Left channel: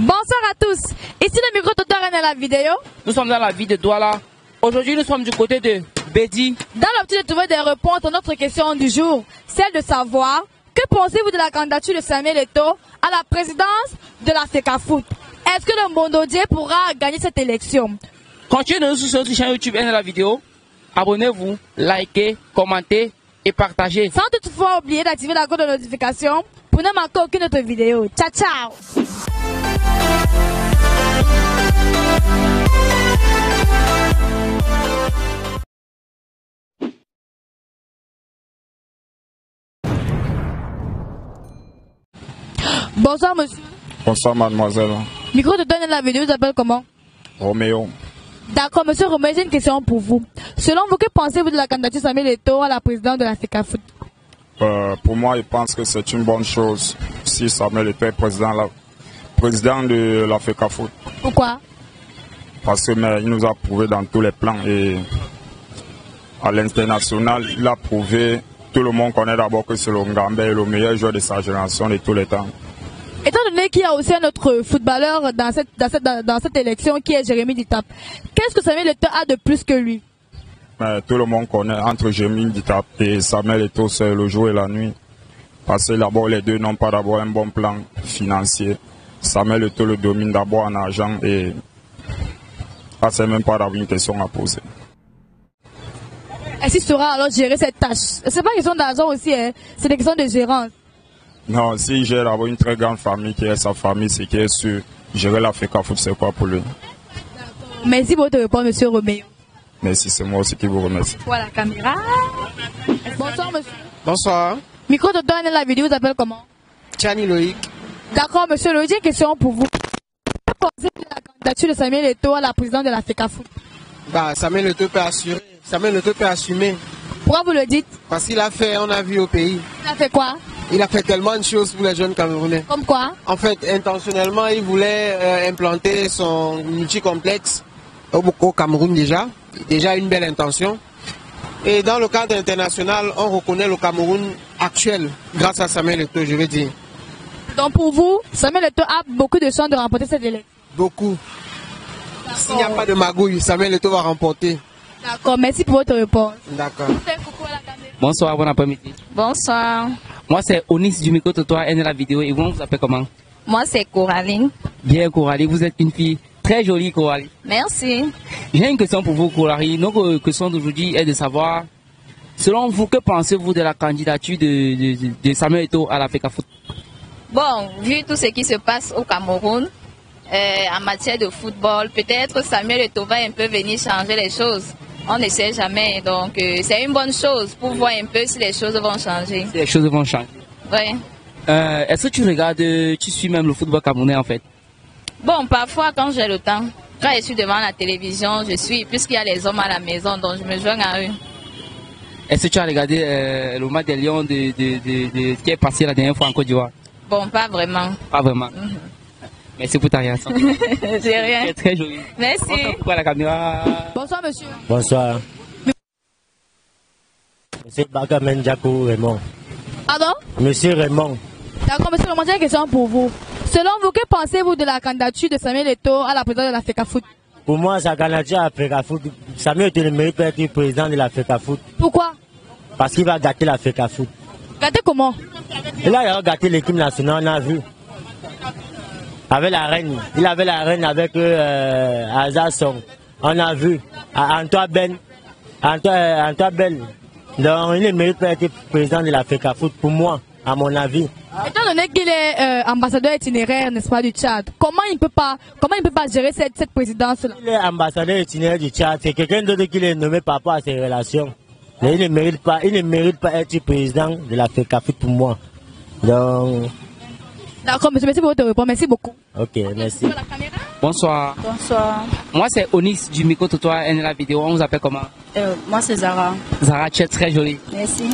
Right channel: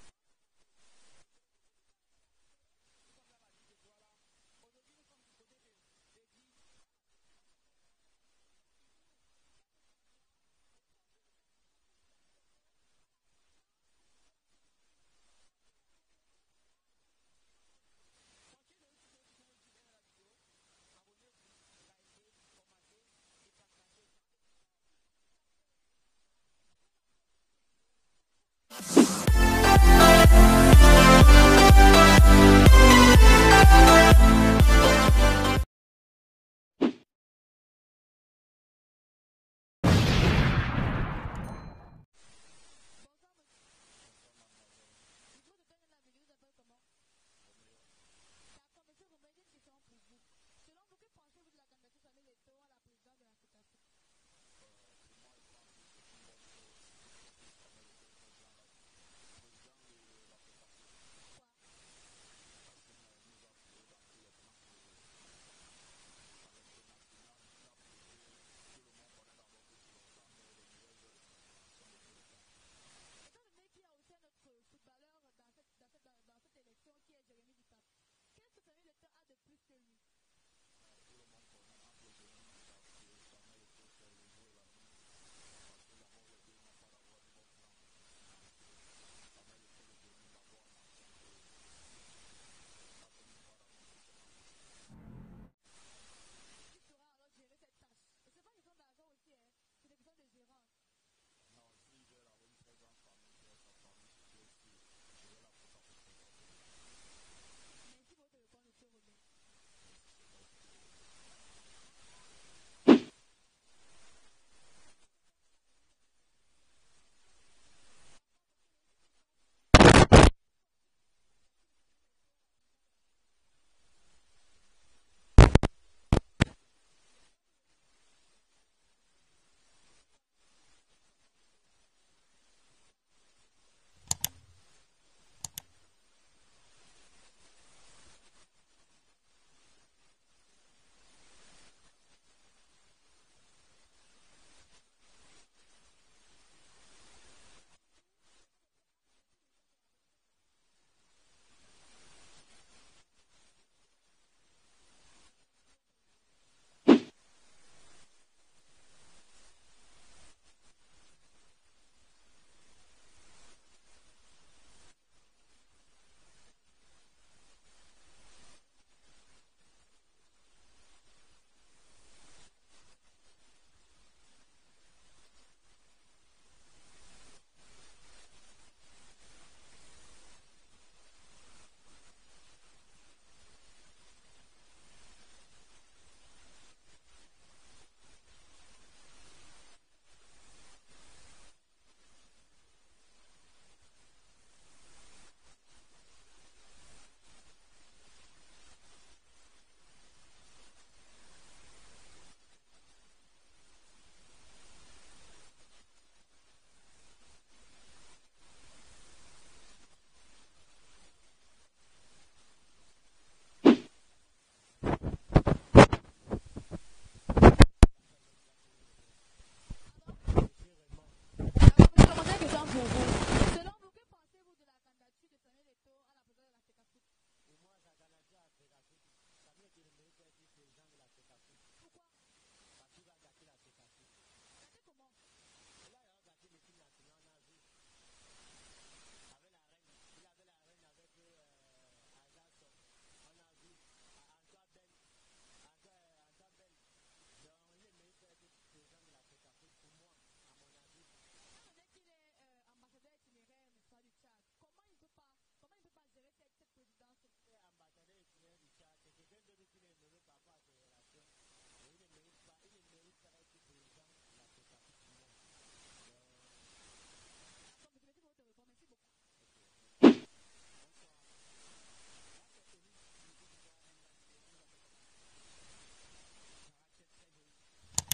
Bonsoir à tous. Ici le micro Toto dans la vidéo. Nous sommes dans la ville de Douala. Aujourd'hui, nous sommes du côté de Bédi. Dans l'optique de trouver des réponses à notre question du jour, celle de savoir que pensez-vous de la candidature de Samuel Eto'o à la présidence de la FECAFOOT? Est-ce que le Mondodier pourra gagner cette élection? Continuez de nous suivre sur notre chaîne YouTube et dans la vidéo. Abonnez-vous, likez, commentez et partagez. Sans toutefois oublier d'activer la cloche de notification pour ne manquer aucune autre vidéo. Ciao, ciao! Bonsoir monsieur. Bonsoir mademoiselle. Micro de donne la vidéo, vous appelle comment? Roméo. D'accord, monsieur Roméo, j'ai une question pour vous. Selon vous, que pensez-vous de la candidature Samuel Eto'o à la présidence de la FECAFOOT? Pour moi, je pense que c'est une bonne chose si Samuel Eto'o est président de la FECAFOOT. Pourquoi? Parce qu'il nous a prouvé dans tous les plans et à l'international, il a prouvé, tout le monde connaît d'abord que c'est le Ngambé est le meilleur joueur de sa génération de tous les temps. Étant donné qu'il y a aussi un autre footballeur dans cette élection qui est Jérémy Ditap, qu'est-ce que Samuel Eto'o a de plus que lui? Tout le monde connaît entre Jérémy Ditap et Samuel Eto'o, c'est le jour et la nuit. Parce que d'abord, les deux n'ont pas d'abord un bon plan financier. Samuel Eto'o le domine d'abord en argent et là, c'est même pas d'avoir une question à poser. Est-ce qu'il saura alors gérer cette tâche? C'est pas une question d'argent aussi, hein? C'est une question de gérance. Non, s'il gère d'avoir une très grande famille qui est sa famille, c'est qui est sûr, gérer la FECAFOOT, c'est quoi pour lui? Merci pour votre réponse, monsieur Roméo. Merci, c'est moi aussi qui vous remercie. Voilà la caméra. Bonsoir, monsieur. Bonsoir. Micro de donne la vidéo, vous appelle comment? Tiani Loïc. D'accord, monsieur Loïc, j'ai une question pour vous. Que pensez-vous de la candidature de Samuel Eto'o à la présidence de la FECAFOOT? Samuel Eto'o peut assurer. Samuel Eto'o peut assumer. Pourquoi vous le dites? Parce qu'il a fait, on a vu au pays. Il a fait quoi? Il a fait tellement de choses pour les jeunes Camerounais. Comme quoi? En fait, intentionnellement, il voulait implanter son multicomplexe au Cameroun déjà. Déjà une belle intention. Et dans le cadre international, on reconnaît le Cameroun actuel grâce à Samuel Eto'o, je veux dire. Donc pour vous, Samuel Eto'o a beaucoup de chances de remporter cette élection? Beaucoup. S'il n'y a pas de magouille, Samuel Eto'o va remporter. D'accord, merci pour votre réponse. D'accord. Bonsoir, bon après-midi. Bonsoir. Moi, c'est Onis du micro Toto et de la vidéo. Et vous, on vous appelle comment? Moi, c'est Coraline. Bien, Coralie, vous êtes une fille très jolie, Coralie. Merci. J'ai une question pour vous, Coralie. Notre question d'aujourd'hui est de savoir, selon vous, que pensez-vous de la candidature de Samuel Eto'o à la FECAFOOT? Bon, vu tout ce qui se passe au Cameroun, en matière de football, peut-être Samuel Eto'o va un peu venir changer les choses. On ne sait jamais, donc c'est une bonne chose pour voir un peu si les choses vont changer. Si les choses vont changer. Oui. Est-ce que tu regardes, tu suis même le football camerounais en fait? Bon, parfois quand j'ai le temps, quand je suis devant la télévision, je suis, puisqu'il y a les hommes à la maison, donc je me joins à eux. Est-ce que tu as regardé le match des Lions qui est passé la dernière fois en Côte d'Ivoire? Bon, pas vraiment. Pas vraiment. Merci pour ta réaction. J'ai rien. C'est très joli. Merci. Pourquoi la caméra? Bonsoir monsieur. Bonsoir. Monsieur Bagamen Diakou Raymond. Pardon? Monsieur Raymond. D'accord, monsieur Raymond, j'ai une question pour vous. Selon vous, que pensez-vous de la candidature de Samuel Eto'o à la présidence de la FECAFOOT? Pour moi, sa candidature à la FECAFOOT, Samuel Eto'o ne mérite pas d'être président de la FECAFOOT. Pourquoi? Parce qu'il va gâter la FECAFOOT. Gâter comment? Et là, il a gâté l'équipe nationale, on a vu. Avec la reine. Il avait la reine avec Azasson. On a vu. Antoine Ben. Donc, il ne mérite pas d'être président de la FECAFOOT, pour moi, à mon avis. Étant donné qu'il est ambassadeur itinéraire, n'est-ce pas, du Tchad, comment il ne peut pas gérer cette présidence-là? Il est ambassadeur itinéraire du Tchad, c'est quelqu'un d'autre qui l'est nommé par rapport à ses relations. Mais il ne mérite pas d'être président de la FECAFOOT pour moi. Donc... D'accord, monsieur, merci pour votre réponse, merci beaucoup. Ok, merci. Bonsoir. Bonsoir. Moi, c'est Onis du micro Toto et de la vidéo. On vous appelle comment? Moi, c'est Zara. Zara, tu es très jolie. Merci.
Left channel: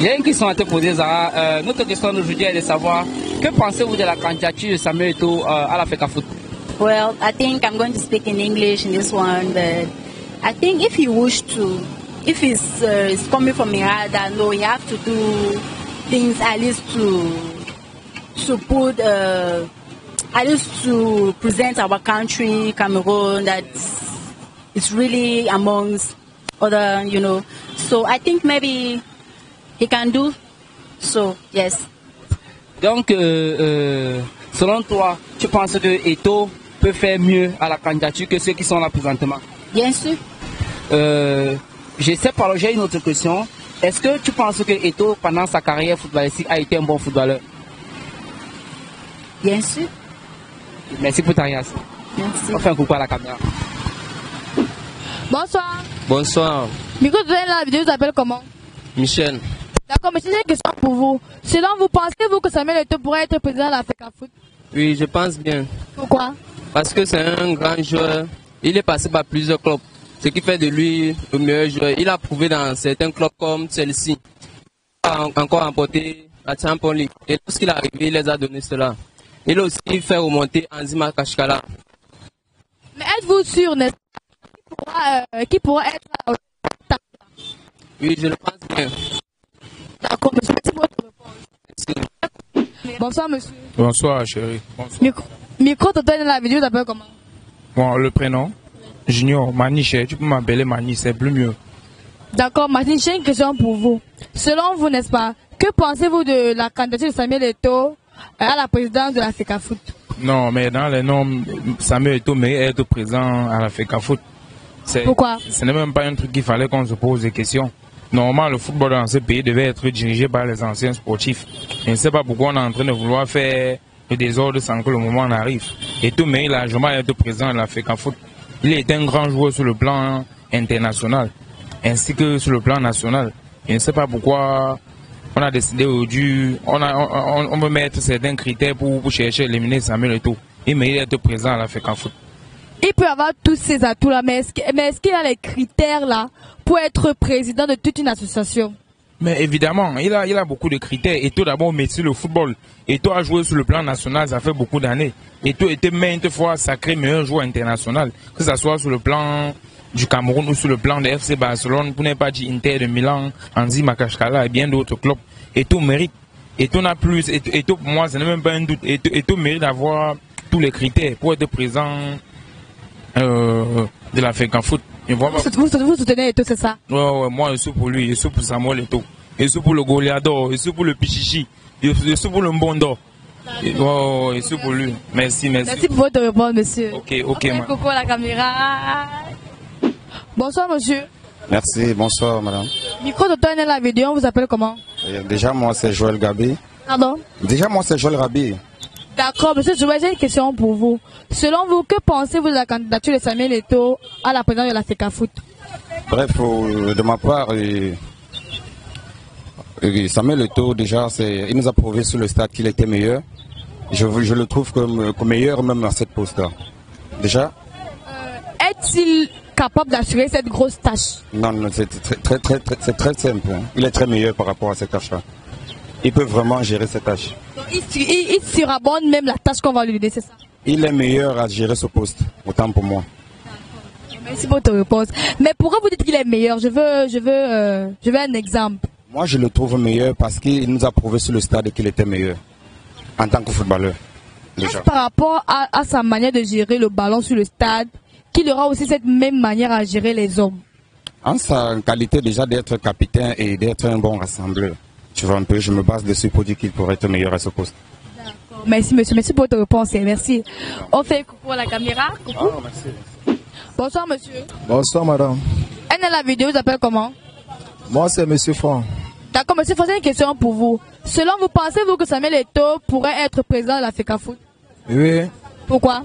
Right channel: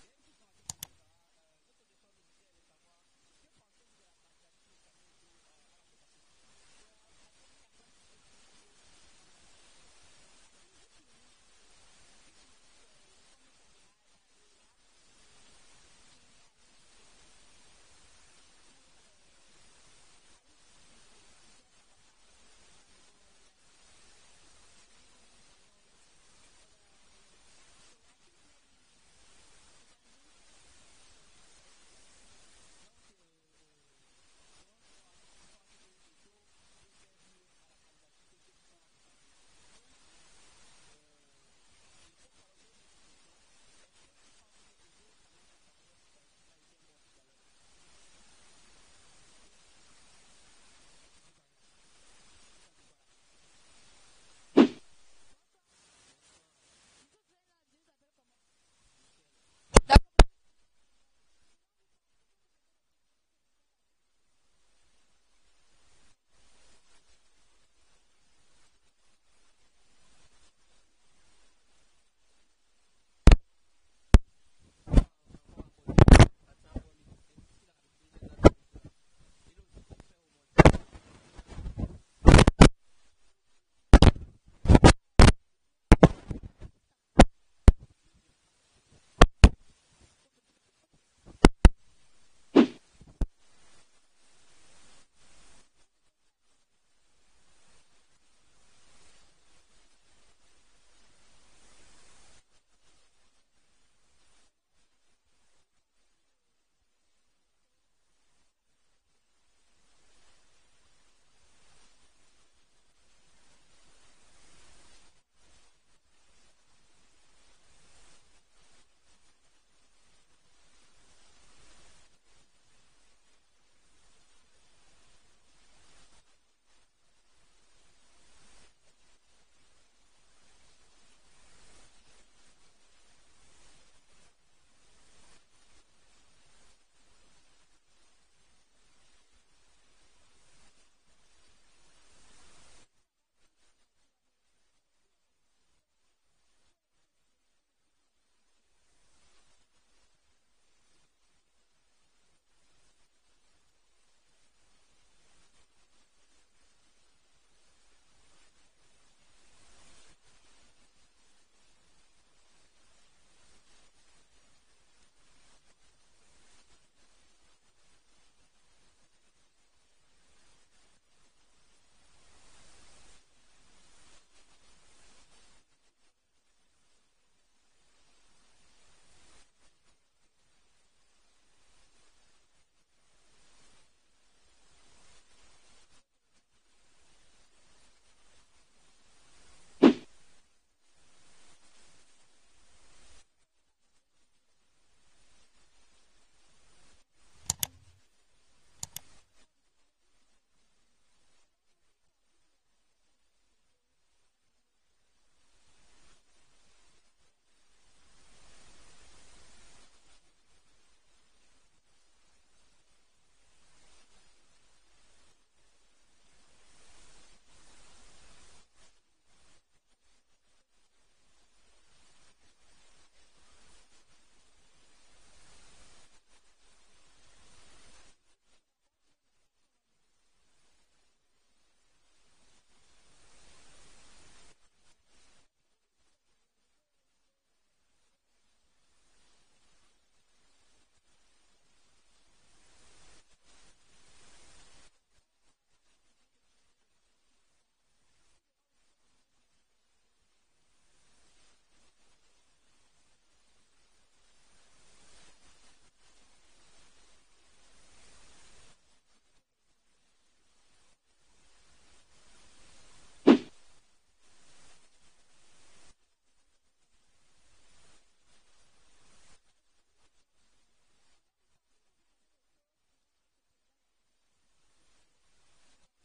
J'ai une question à te poser, Zara. Notre question d'aujourd'hui est de savoir, que pensez-vous de la candidature de Samuel Eto'o à la FECAFOOT? Well, I think I'm going to speak in English in this one, but I think if you wish to, if it's coming from your heart, I know you have to do things at least to put I used to present our country, Cameroon, that it's really amongst other, you know. So I think maybe he can do so, yes. Donc, selon toi, tu penses que Eto'o peut faire mieux à la candidature que ceux qui sont là présentement? Bien sûr. J'ai une autre question. Est-ce que tu penses que Eto'o, pendant sa carrière footballistique, a été un bon footballeur? Bien sûr. Merci pour ta réaction. Merci. On fait un coucou à la caméra. Bonsoir. Bonsoir, Micro de la vidéo s'appelle comment? Michel. Comme c'est une question pour vous. Selon vous, pensez-vous que Samuel Eto'o pourrait être président de la FECAFOOT? Oui, je pense bien. Pourquoi? Parce que c'est un grand joueur. Il est passé par plusieurs clubs. Ce qui fait de lui le meilleur joueur. Il a prouvé dans certains clubs comme Chelsea. Il a encore remporté la Champions League. Et lorsqu'il est arrivé, il les a donné cela. Il a aussi fait remonter Anzima Kashkala. Mais êtes-vous sûr, n'est-ce pas, qui pourra être... Oui, je le pense bien. D'accord, monsieur. Merci pour votre réponse. Bonsoir, monsieur. Bonsoir, chérie. Bonsoir. Micro total dans la vidéo s'appelle comment? Bon, le prénom Junior, Maniche, tu peux m'appeler Mani, c'est plus mieux. D'accord, Martine, j'ai une question pour vous. Selon vous, n'est-ce pas, que pensez-vous de la candidature de Samuel Eto'o à la présidence de la FECAFOOT? Non, mais dans les noms, Samuel Eto'o mérite être présent à la FECAFOOT. Pourquoi? Ce n'est même pas un truc qu'il fallait qu'on se pose des questions. Normalement, le football dans ce pays devait être dirigé par les anciens sportifs. Je ne sais pas pourquoi on est en train de vouloir faire le désordre sans que le moment en arrive. Eto'o mérite largement d'être présent à la FECAFOOT. Il est un grand joueur sur le plan international, ainsi que sur le plan national. Je ne sais pas pourquoi on a décidé aujourd'hui, on veut mettre certains critères pour chercher à éliminer Samuel Eto'o. Il mérite d'être présent à la FECAFOOT. Il peut avoir tous ces atouts-là, mais est-ce qu'il a les critères-là pour être président de toute une association? Mais évidemment, il a beaucoup de critères. Eto'o d'abord métier le football. Eto'o a joué sur le plan national, ça fait beaucoup d'années. Eto'o était maintes fois sacré meilleur joueur international, que ce soit sur le plan du Cameroun ou sur le plan de FC Barcelone, pour ne pas dire Inter de Milan, Anzima Kashkala et bien d'autres clubs. Eto'o mérite. Eto'o n'a plus. Eto'o pour moi, ce n'est même pas un doute. Eto'o mérite d'avoir tous les critères pour être présent de la FECAFOOT. Vous soutenez Eto'o, c'est ça? Ouais, moi je suis pour lui, je suis pour Samuel Eto'o. Je suis pour le Goliador, je suis pour le Pichichi, je suis pour le Mbondo. Je suis pour lui. Merci. Merci pour votre réponse, monsieur. Ok, madame. Coucou à la caméra. Bonsoir, monsieur. Merci, bonsoir, madame. Micro de toi, la vidéo, on vous appelle comment? Déjà, moi, c'est Joël Gabi. Pardon? Déjà, moi, c'est Joël Gabi. D'accord, monsieur Joël, j'ai une question pour vous. Selon vous, que pensez-vous de la candidature de Samuel Eto'o à la présidence de la FECAFOOT? Bref, de ma part, Samuel Eto'o, déjà, il nous a prouvé sur le stade qu'il était meilleur. Je le trouve comme meilleur même à cette poste-là. Déjà. Est-il capable d'assurer cette grosse tâche? Non, c'est très simple. Hein. Il est très meilleur par rapport à cette tâche-là. Il peut vraiment gérer cette tâche. Donc, il surabonde même la tâche qu'on va lui donner, c'est ça? Il est meilleur à gérer ce poste, autant pour moi. Merci pour ta réponse. Mais pourquoi vous dites qu'il est meilleur? Je veux un exemple. Moi, je le trouve meilleur parce qu'il nous a prouvé sur le stade qu'il était meilleur en tant que footballeur. Est-ce par rapport à sa manière de gérer le ballon sur le stade qu'il aura aussi cette même manière à gérer les hommes? En sa qualité déjà d'être capitaine et d'être un bon rassembleur. Tu vois un peu, je me base dessus pour dire qu'il pourrait être meilleur à ce poste. D'accord. Merci monsieur, merci pour votre réponse. Merci. On fait coucou à la caméra. Coucou. Merci. Bonsoir monsieur. Bonsoir madame. Elle est la vidéo, vous appelle comment? Moi c'est monsieur Franck. D'accord, monsieur Franck, j'ai une question pour vous. Selon vous, pensez-vous que Samuel Eto'o pourrait être président de la FECAFOOT? Oui. Pourquoi?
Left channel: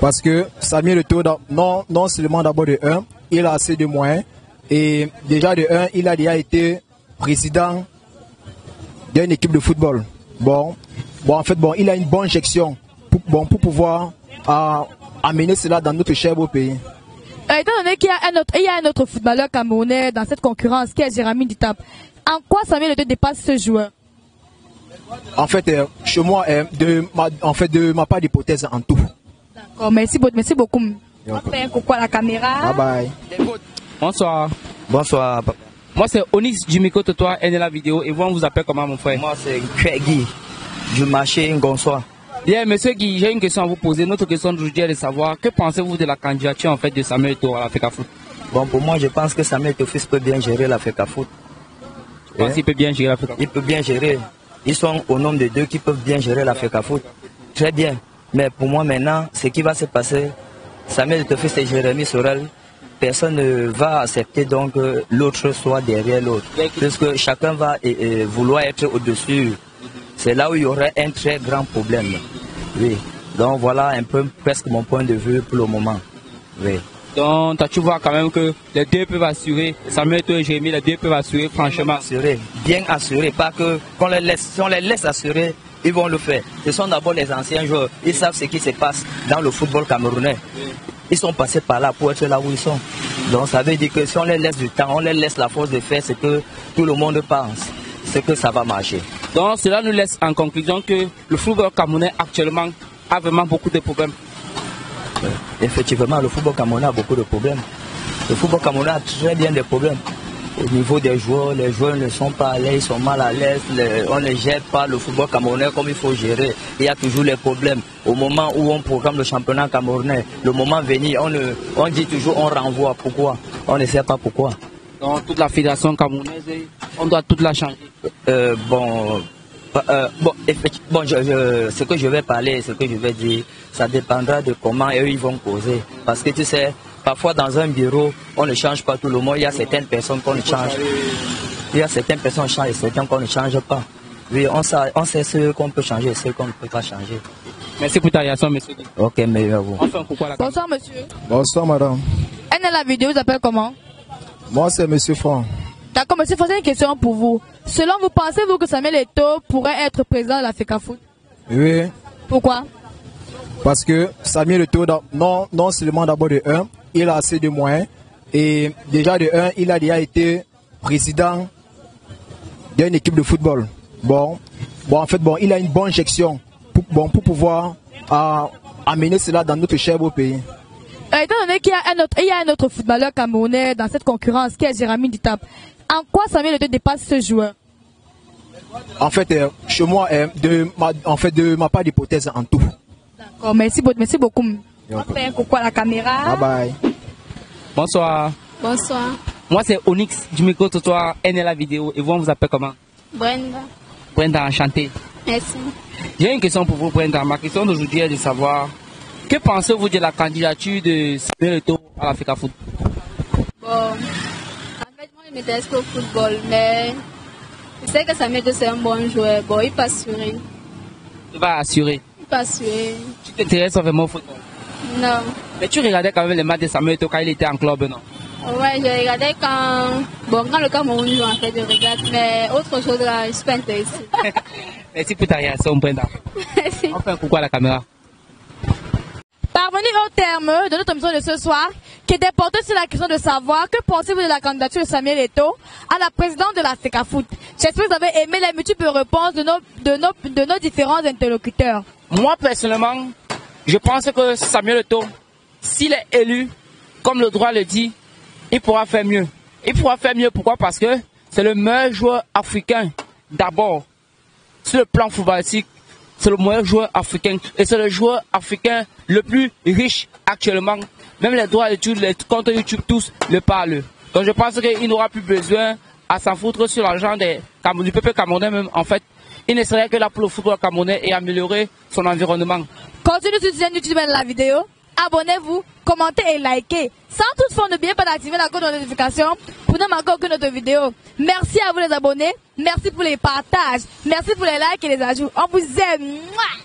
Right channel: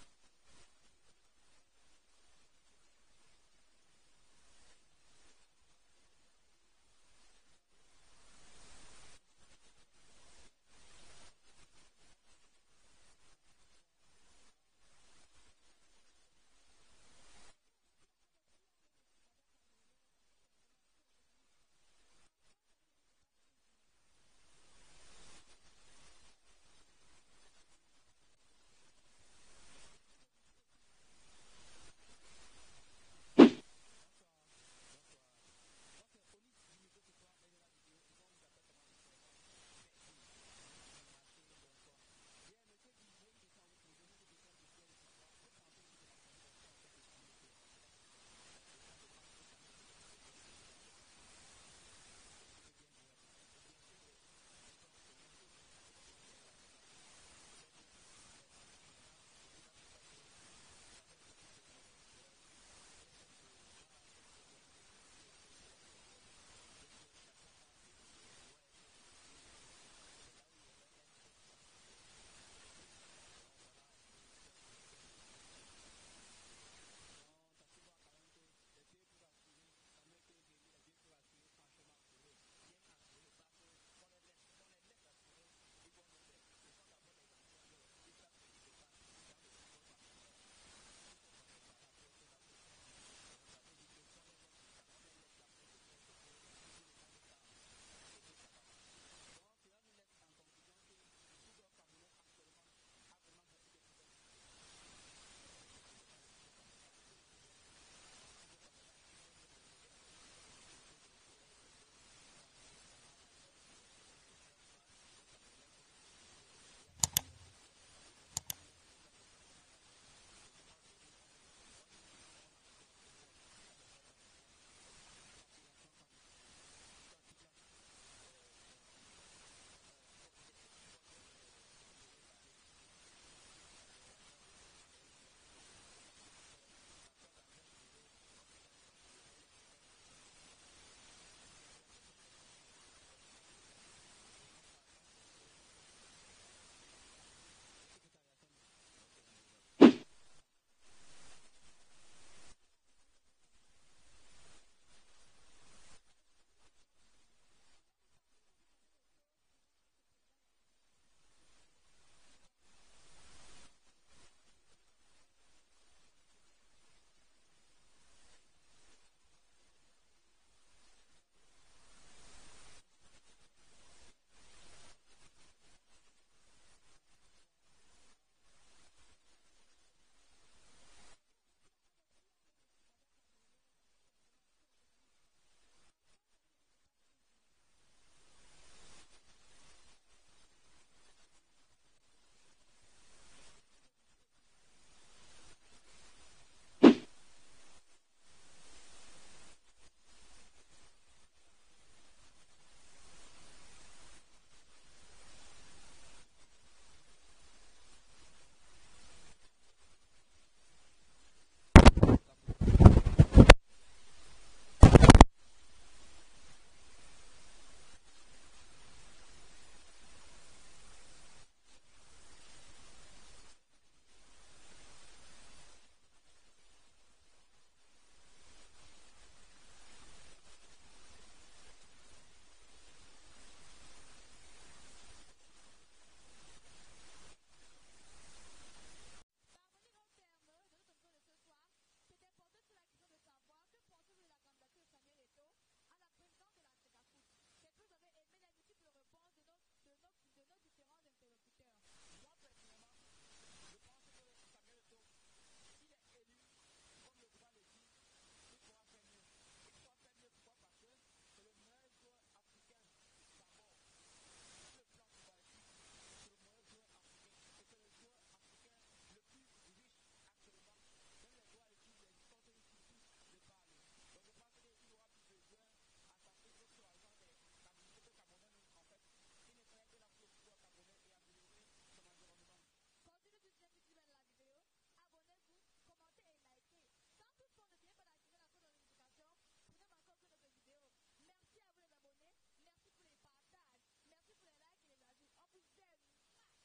Parce que Samuel Eto'o, non seulement d'abord de 1, il a assez de moyens. Et déjà de 1, il a déjà été président d'une équipe de football. En fait, il a une bonne gestion pour pouvoir amener cela dans notre cher beau pays. Étant donné qu'il y a un autre footballeur camerounais dans cette concurrence qui est Jérémy Ditap, en quoi Samuel Eto'o dépasse ce joueur? En fait, chez moi, de ma part d'hypothèse en tout. D'accord, merci beaucoup. On fait un coucou à la caméra. Bye bye. Bonsoir. Bonsoir, papa. Moi, c'est Onyx du micro de toi, elle est la vidéo. Et vous, on vous appelle comment, mon frère? Moi, c'est Guy du marché Ngonsoa. Bien, monsieur Guy, j'ai une question à vous poser. Notre question d'aujourd'hui est de savoir que pensez-vous de la candidature en fait de Samuel Eto'o à la FECAFOOT? Bon, pour moi, je pense que Samuel Eto'o peut bien gérer la FECAFOOT. Il peut bien gérer la FECAFOOT? Il peut bien gérer. Ils sont au nombre de 2 qui peuvent bien gérer la FECAFOOT. Très bien. Mais pour moi, maintenant, ce qui va se passer, Samuel Eto'o et Jérémy Sorel, personne ne va accepter donc que l'autre soit derrière l'autre. Parce que chacun va vouloir être au-dessus. C'est là où il y aurait un très grand problème. Oui. Donc voilà un peu presque mon point de vue pour le moment. Oui. Donc tu vois quand même que les deux peuvent assurer, Samuel Eto'o et Jérémy, les deux peuvent assurer franchement. Assurer, bien assurer, pas que qu'on les laisse, si on les laisse assurer, ils vont le faire. Ce sont d'abord les anciens joueurs, ils savent ce qui se passe dans le football camerounais. Ils sont passés par là pour être là où ils sont. Donc ça veut dire que si on les laisse du temps, on les laisse la force de faire ce que tout le monde pense, c'est que ça va marcher. Donc cela nous laisse en conclusion que le football camerounais actuellement a vraiment beaucoup de problèmes. Effectivement, le football camerounais a beaucoup de problèmes. Le football camerounais a très bien des problèmes. Au niveau des joueurs, les joueurs ne sont pas à l'aise, ils sont mal à l'aise, on ne gère pas le football camerounais comme il faut gérer. Il y a toujours les problèmes. Au moment où on programme le championnat camerounais, le moment venu, on dit toujours on renvoie. Pourquoi? On ne sait pas pourquoi. Donc toute la fédération camerounaise, on doit toute la changer. Ce que je vais parler, ce que je vais dire, ça dépendra de comment eux ils vont causer. Parce que tu sais, parfois dans un bureau, on ne change pas tout le monde. Il y a certaines personnes qu'on change. Il y a certaines personnes qui changent et certaines qu'on ne change pas. Oui, on sait ce qu'on peut changer et ce qu'on ne peut pas changer. Merci pour ta réaction, monsieur. Ok, mais à vous. Bonsoir, monsieur. Bonsoir, madame. Elle est la vidéo, vous appelez comment? Moi, c'est monsieur Franck. D'accord, monsieur Franck, j'ai une question pour vous. Selon vous, pensez-vous que Samuel Eto'o pourrait être président de la FECAFOOT? Oui. Pourquoi? Parce que Samuel Eto'o, non seulement d'abord de 1, il a assez de moyens. Et déjà de 1, il a déjà été président d'une équipe de football. En fait, il a une bonne gestion pour pouvoir amener cela dans notre cher beau pays. Étant donné qu'il y a un autre footballeur camerounais dans cette concurrence qui est Jérémy Ditap, en quoi Samuel Eto'o dépasse ce joueur? En fait, chez moi, de ma part d'hypothèse en tout. D'accord, merci beaucoup. On fait un coucou à la caméra. Bye bye. Bonsoir. Bonsoir. Moi c'est Onyx du micro Totoir, elle est la vidéo. Et vous, on vous appelle comment? Brenda. Brenda, enchanté. Merci. J'ai une question pour vous, Brenda. Ma question d'aujourd'hui est de savoir que pensez-vous de la candidature de Samuel Eto'o à la FECAFOOT? Bon, je m'intéresse qu'au football, mais je sais que Samuel Eto'o c'est un bon joueur. Bon, il peut assurer. Tu vas assurer? Il peut assurer. Tu t'intéresses vraiment au football? Non. Mais tu regardais quand même les matchs de Samuel Eto'o quand il était en club, non? Ouais, je regardais quand le Cameroun joue, en fait, je regarde, mais autre chose là, je ne suis pas intéressée. Merci pour ta réaction, Brenda. Merci. On fait un coucou à la caméra. Parvenu au terme de notre émission de ce soir, qui était portée sur la question de savoir que pensez-vous de la candidature de Samuel Eto'o à la présidence de la FECAFOOT. J'espère que vous avez aimé les multiples réponses de nos différents interlocuteurs. Moi, personnellement, je pense que Samuel Eto'o, s'il est élu, comme le droit le dit, il pourra faire mieux. Il pourra faire mieux, pourquoi? Parce que c'est le meilleur joueur africain, d'abord, sur le plan footballistique. C'est le meilleur joueur africain et c'est le joueur africain le plus riche actuellement. Même les droits d'études, les comptes YouTube, tous le parlent. Donc je pense qu'il n'aura plus besoin à s'en foutre sur l'argent du peuple camerounais même. En fait, il ne serait que là pour le football camerounais et améliorer son environnement. Continuez sur cette chaîne YouTube de la vidéo. Abonnez-vous, commentez et likez. Sans toutefois n'oubliez pas d'activer la cloche de notification pour ne manquer aucune autre vidéo. Merci à vous les abonnés. Merci pour les partages. Merci pour les likes et les ajouts. On vous aime. Mouah!